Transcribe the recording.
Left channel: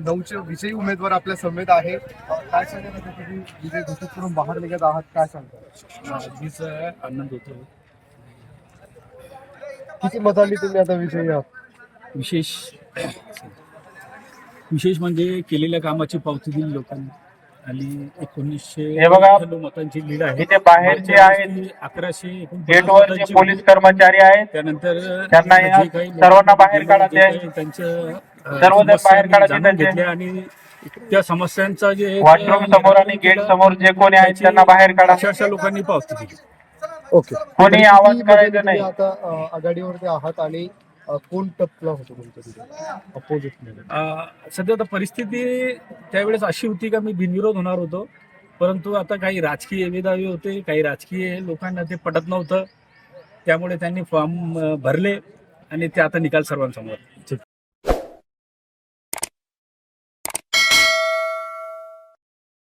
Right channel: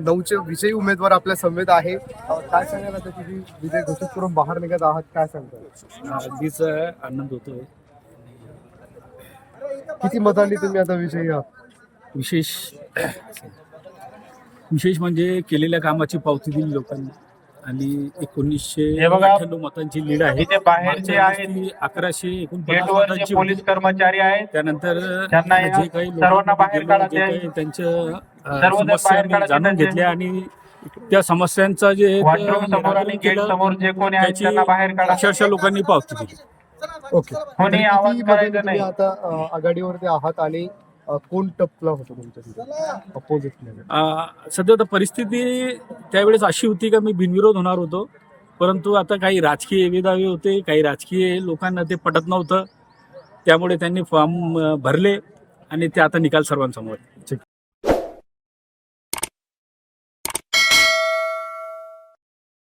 9चे विजयी उमेदवार आपल्या समेत आहे. काय सांगाल आता तुम्ही विजय घोषित करून बाहेर निघत आहात, काय सांगताल? अगदीच आनंद होतोय. किती मतांनी तुम्ही आता विजयी आहात? विशेष म्हणजे केलेल्या कामाची पावती दिली लोकांनी आणि 1998 मतांची लीड आहे. इथे बाहेर जे आहेत 1149 गेटवर जे मतांची पोलीस होती. कर्मचारी आहेत त्यानंतर त्यांना या जे काही सर्वांना बाहेर लोकांनी काढायचे जे आहे. काही त्यांच्या सर्वजण समस्या बाहेर काढायचे जाणून त्यांचे. घेतल्या आणि त्या समस्यांचा जे एक वॉशरूम समोर आणि गेट केलं, समोर जे कोणी आहेत त्याची त्यांना बाहेर काढा. अक्षरशः लोकांनी पावती दिली. ओके. कोणी तरी आवाज किती करायचा मतांनी नाही. तुम्ही आता आघाडीवरती आहात आणि कोण टपला होतो तुमच्या तिथे अपोजिट मध्ये? सध्या तर परिस्थिती त्यावेळेस अशी होती का मी बिनविरोध होणार होतो, परंतु आता काही राजकीय वेदावे होते, काही राजकीय लोकांना ते पटत नव्हतं, त्यामुळे त्यांनी फॉर्म भरले आणि ते आता निकाल सर्वांसमोर आहे.